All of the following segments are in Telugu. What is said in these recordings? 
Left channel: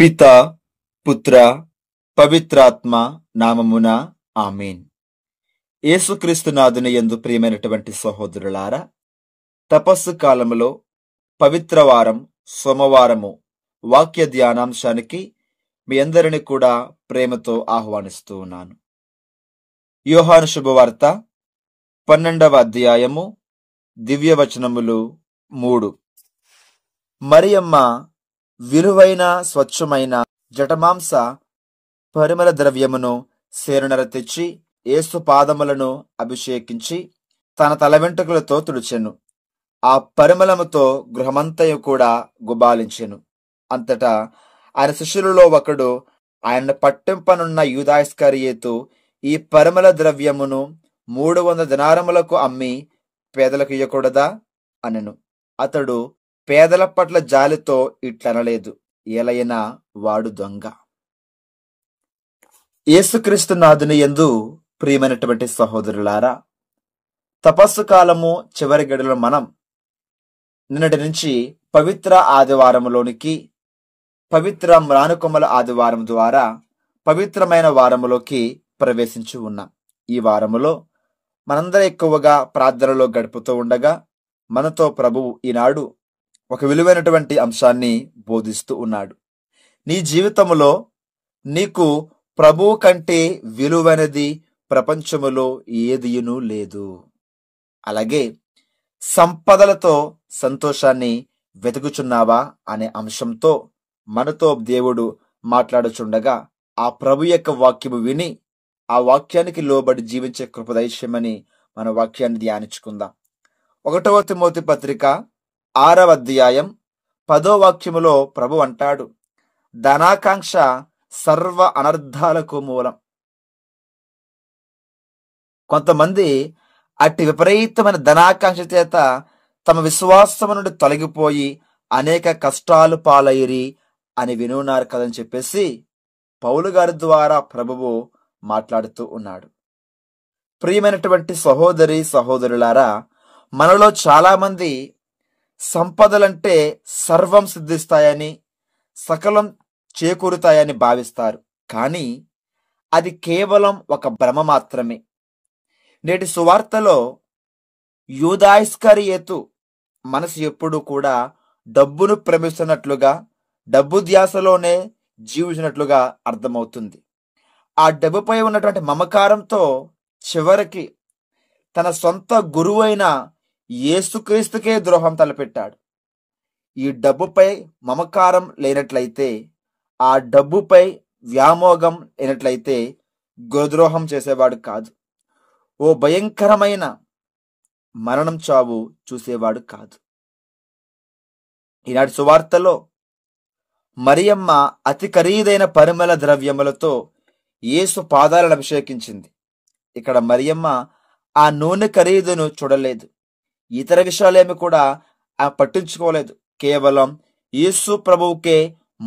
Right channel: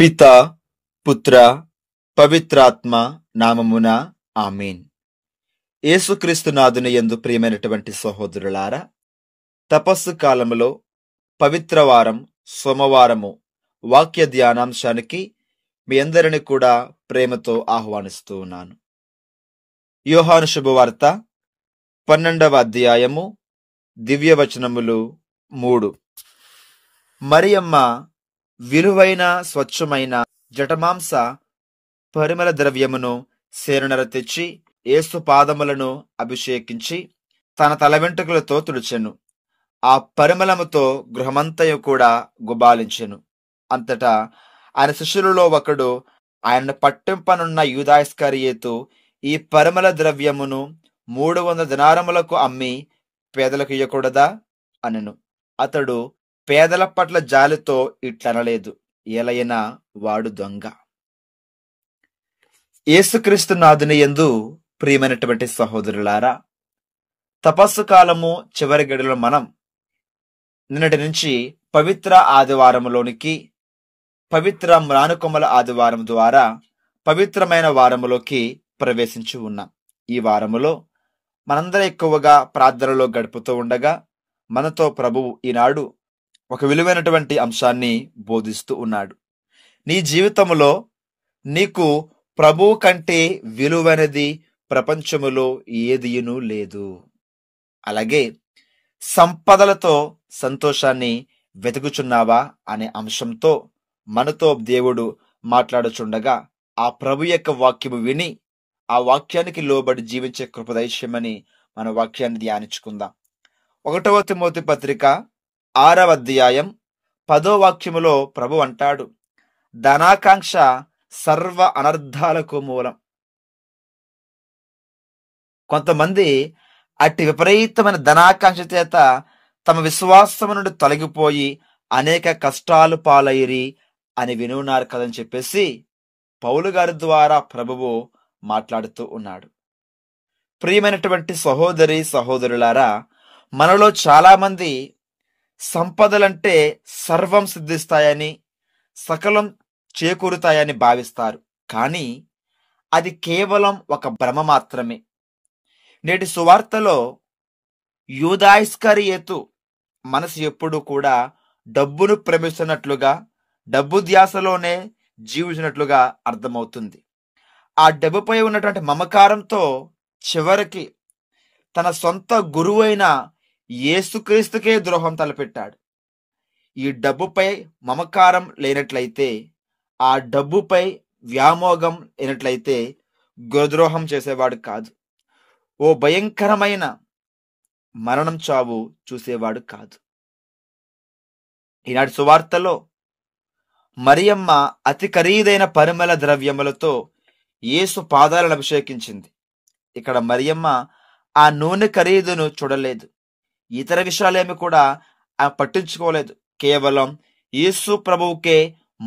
పిత పుత్ర పవిత్రాత్మ నామమున ఆమేన్. యేసుక్రీస్తు నాథుని యందు ప్రియమైనటువంటి సహోదరులారా, తపస్సు కాలములో పవిత్రవారం సోమవారము వాక్య ధ్యానాంశానికి మీ అందరిని కూడా ప్రేమతో ఆహ్వానిస్తూ ఉన్నాను. యోహాను శుభవార్త 12వ అధ్యాయము దివ్యవచనములు 3. మరియమ్మ విలువైన స్వచ్ఛమైన జటమాంస పరిమళ ద్రవ్యమును సేరునర తెచ్చి యేసు పాదములను అభిషేకించి తన తల వెంట్రుకలతో తుడిచెను. ఆ పరిమళముతో గృహమంతయు కూడా గుబాలించెను. అంతటా ఆయన శిష్యులలో ఒకడు ఆయనను పట్టింపనున్న యూదా ఇస్కరియోతు ఈ పరిమళ ద్రవ్యమును 300 దినారములకు అమ్మి పేదలకు ఇయ్యకూడదా అనెను. అతడు పేదల పట్ల జాలితో ఇట్లనలేదు, ఏలైనా వాడు దొంగ. యేసుక్రీస్తు నాథుని యందు ప్రియమైనటువంటి సహోదరులారా, తపస్సు కాలము చివరి గడిలో మనం నిన్నటి నుంచి పవిత్ర ఆదివారములోనికి, పవిత్ర మ్రానుకొమ్మల ఆదివారం ద్వారా పవిత్రమైన వారములోకి ప్రవేశించి ఉన్నాం. ఈ వారములో మనందరం ఎక్కువగా ప్రార్థనలో గడుపుతూ ఉండగా మనతో ప్రభువు ఈనాడు ఒక విలువైనటువంటి అంశాన్ని బోధిస్తూ ఉన్నాడు. నీ జీవితంలో నీకు ప్రభువు కంటే విలువైనది ప్రపంచములో ఏదియును లేదు. అలాగే సంపదలతో సంతోషాన్ని వెతుకుచున్నావా అనే అంశంతో మనతో దేవుడు మాట్లాడుచుండగా ఆ ప్రభు యొక్క వాక్యము విని ఆ వాక్యానికి లోబడి జీవించే కృప దయచేయమని మన వాక్యాన్ని ధ్యానించుకుందాం. 1వ తిమోతి పత్రిక 6వ అధ్యాయం 10వ వాక్యములో ప్రభు అంటాడు, ధనాకాంక్ష సర్వ అనర్థాలకు మూలం. కొంతమంది అట్టి విపరీతమైన ధనాకాంక్ష చేత తమ విశ్వాసము నుండి తొలగిపోయి అనేక కష్టాలు పాలయ్యిరి అని వినున్నారు కదని చెప్పేసి పౌలు గారి ద్వారా ప్రభువు మాట్లాడుతూ ఉన్నాడు. ప్రియమైనటువంటి సహోదరి సహోదరులారా, మనలో చాలా మంది సంపదలంటే సర్వం సిద్ధిస్తాయని, సకలం చేకూరుతాయని భావిస్తారు. కానీ అది కేవలం ఒక భ్రమ మాత్రమే. నేటి సువార్తలో యూదా ఇస్కరియోతు మనసు ఎప్పుడూ కూడా డబ్బును ప్రేమిస్తున్నట్లుగా, డబ్బు ధ్యాసలోనే జీవించినట్లుగా అర్థమవుతుంది. ఆ డబ్బుపై ఉన్నటువంటి మమకారంతో చివరికి తన సొంత గురువు అయిన యేసుక్రీస్తుకే ద్రోహం తలపెట్టాడు. ఈ డబ్బుపై మమకారం లేనట్లయితే, ఆ డబ్బుపై వ్యామోగం లేనట్లయితే గురుద్రోహం చేసేవాడు కాదు. ఓ భయంకరమైన మరణం చావు చూసేవాడు కాదు. ఈనాటి సువార్తలో మరియమ్మ అతి ఖరీదైన పరిమళ ద్రవ్యములతో యేసు పాదాలను అభిషేకించింది. ఇక్కడ మరియమ్మ ఆ నూనె ఖరీదును చూడలేదు, ఇతర విషయాలేమి కూడా పట్టించుకోలేదు. కేవలం యేసు ప్రభువుకే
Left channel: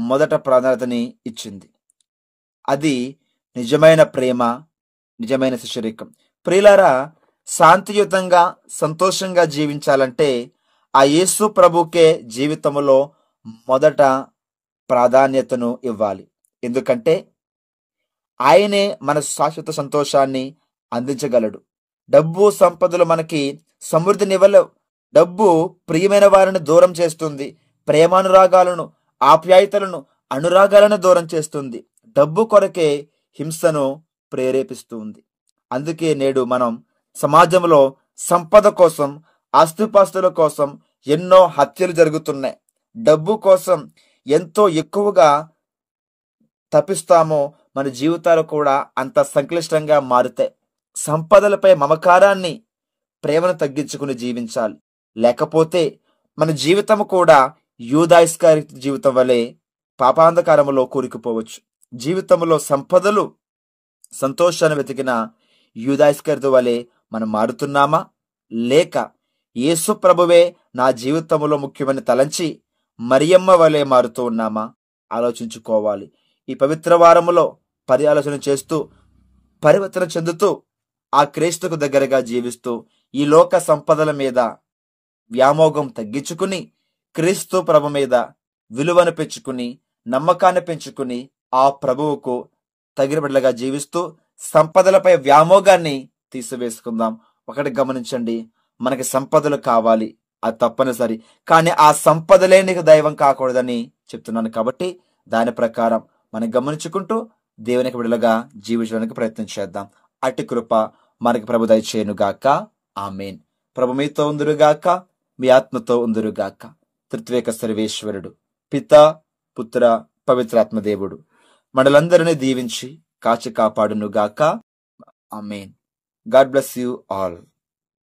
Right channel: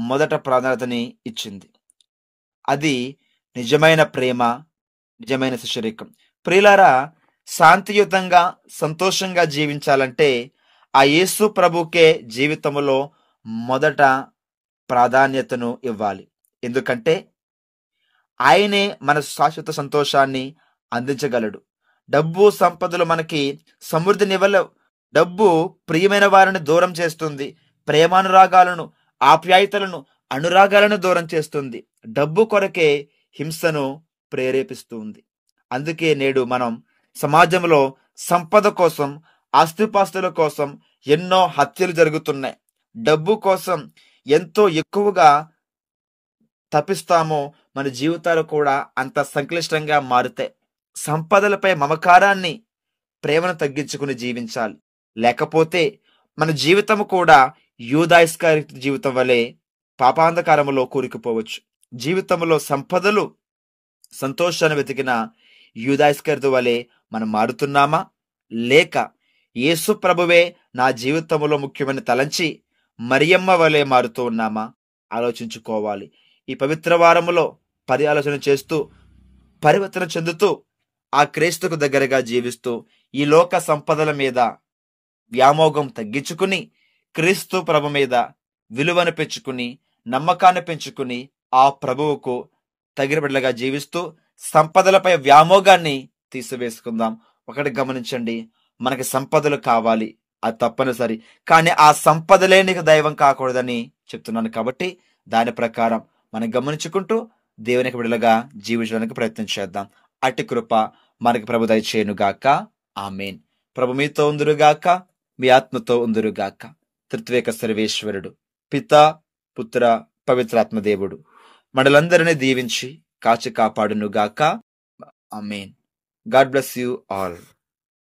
మొదట ప్రాధాన్యతని ఇచ్చింది. అది నిజమైన ప్రేమ, నిజమైన శిష్యరికం. ప్రియులారా, శాంతియుతంగా సంతోషంగా జీవించాలంటే ఆ యేసు ప్రభువుకే జీవితంలో మొదట ప్రాధాన్యతను ఇవ్వాలి. ఎందుకంటే ఆయనే మన శాశ్వత సంతోషాన్ని అందించగలడు. డబ్బు సంపదలు మనకి సమృద్ధినివ్వలేవు. డబ్బు ప్రియమైన వారిని దూరం చేస్తుంది, ప్రేమానురాగాలను, ఆప్యాయతలను, అనురాగాలను దూరం చేస్తుంది. డబ్బు కొరకే హింసను ప్రేరేపిస్తుంది. అందుకే నేడు మనం సమాజంలో సంపద కోసం, ఆస్తిపాస్తుల కోసం ఎన్నో హత్యలు జరుగుతున్నాయి. డబ్బు కోసం ఎంతో ఎక్కువగా తప్పిస్తామో మన జీవితాలు కూడా అంత సంక్లిష్టంగా మారుతాయి. సంపదలపై మమకారాన్ని, ప్రేమను తగ్గించుకుని జీవించాలి. లేకపోతే మన జీవితం కూడా యూదా ఇస్కరియోతు జీవితం వలె పాపాంధకారములో కూరుకుపోవచ్చు. జీవితంలో సంపదలు, సంతోషాన్ని వెతికిన యూదా ఇస్కరియోతు వలె మనం మారుతున్నామా, లేక యేసు ప్రభువే నా జీవితంలో ముఖ్యమని తలంచి మరియమ్మ వలె మారుతూ ఉన్నామా ఆలోచించుకోవాలి. ఈ పవిత్ర వారములో పర్యాలోచన చేస్తూ, పరివర్తన చెందుతూ, ఆ క్రీస్తుకు దగ్గరగా జీవిస్తూ, ఈ లోక సంపదల మీద వ్యామోగం తగ్గించుకుని క్రీస్తు ప్రభు మీద విలువను పెంచుకుని నమ్మకాన్ని పెంచుకుని ఆ ప్రభువుకు తగిన బిడ్డలుగా జీవిస్తూ సంపదలపై వ్యామోగాన్ని తీసివేసుకుందాం. ఒకటి గమనించండి, మనకి సంపదలు కావాలి, అది తప్పనిసరి. కానీ ఆ సంపదలే నీకు దైవం కాకూడదని చెప్తున్నాను. కాబట్టి దాని ప్రకారం మనం గమనించుకుంటూ దేవునికి బిడ్డలుగా జీవించడానికి ప్రయత్నం చేద్దాం. అట్టి కృప మనకి ప్రభు దయచేయునుగాక. ఆమేన్. ప్రభు మీతో ఉందురుగాక, మీ ఆత్మతో ఉందురుగాక. త్రిత్వేక సర్వేశ్వరుడు పిత, పుత్ర, పవిత్రాత్మ దేవుడు మనలందరినీ దీవించి కాచి కాపాడునుగాక. ఆమేన్. God bless you all.